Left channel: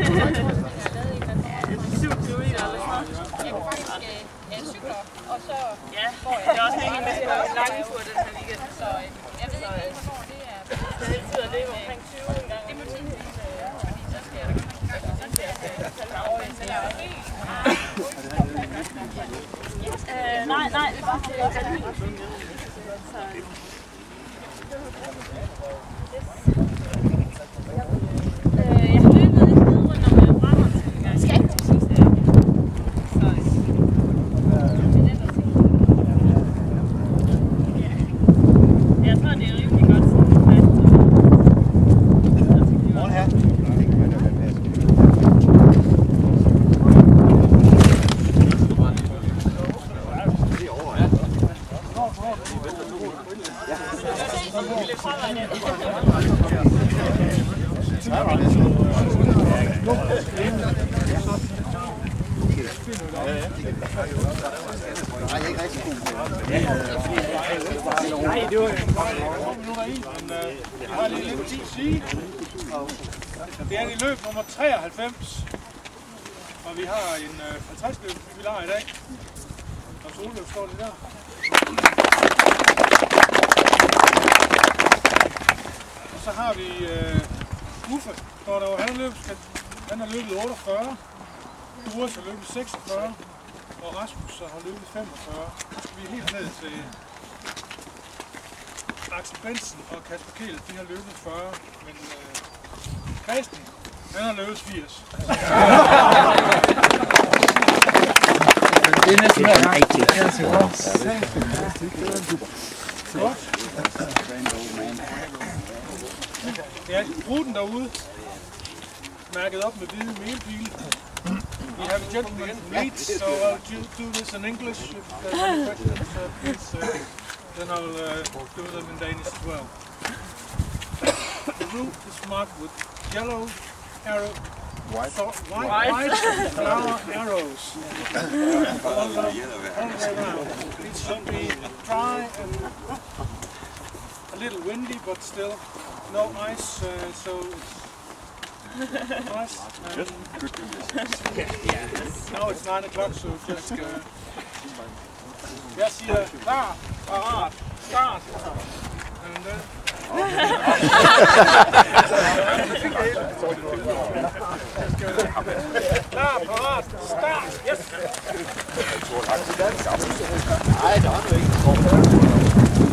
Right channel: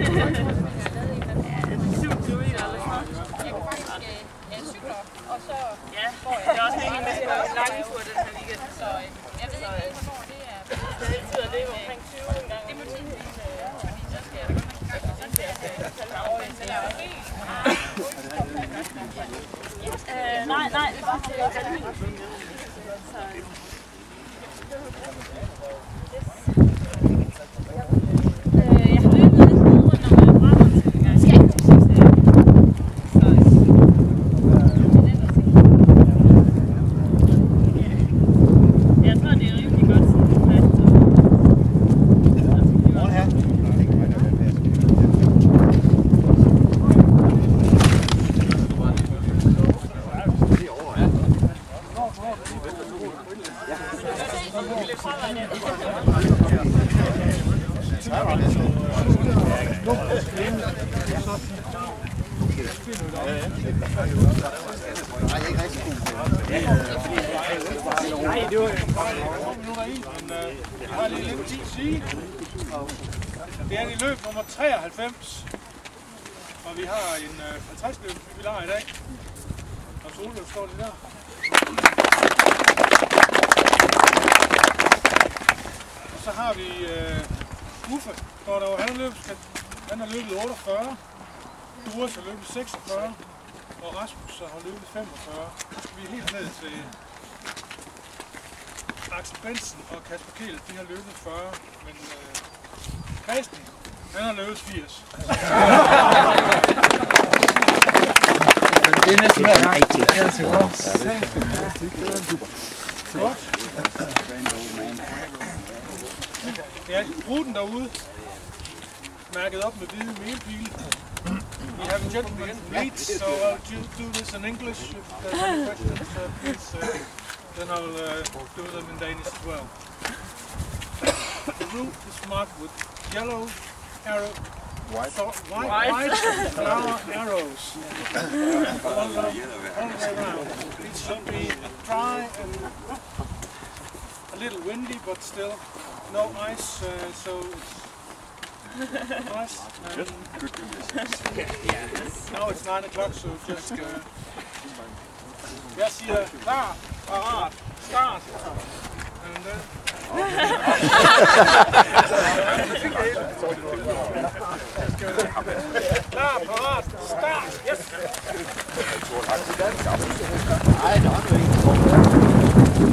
Og så får jeg det også en med en lang tur den her weekend, så jeg ved ikke, hvornår det er. Det er altid at leve omkring 20 en gang. Det må tiden vise, fordi så skal jeg tage mig over til at helt. Nej, det er bare til at tage helt. Jeg har løbet lidt ned rundt om Brabrand en gang. Skal ikke til jeg tror, det er rimelig godt sådan fast. Morgen her. Nej, ikke rigtig god. Nej, det var minutter i, men jeg har lige lidt tid at sige. Det er i løb nummer 93, og vi har en 50 løb, vi lader i dag. Og solløb står det der. Og så har vi Uffe, står der over, han har løbet 48, Doris har løbet 46, og Rasmus har løbet 45. Så skal vi helt ned til Axel Bensen og Kasper Kjeld, de har løbet 40, men Christen, han har løbet 80. Det er næsten rigtigt. Det er så godt. Ja, ruten derude, mærket op med hvide melpile. We have a gentleman from Leeds, so I'll do this in English. If there's any questions, please, then I'll do them in Danish as well. The route is marked with yellow arrow, white flower arrows all the way around. It should be dry and a little windy, but still no ice, so it's nice. Now it's 9 o'clock, so just jeg siger klar, parat, start. And then klar, parat, start. Yes. Nej, der er noget ikke.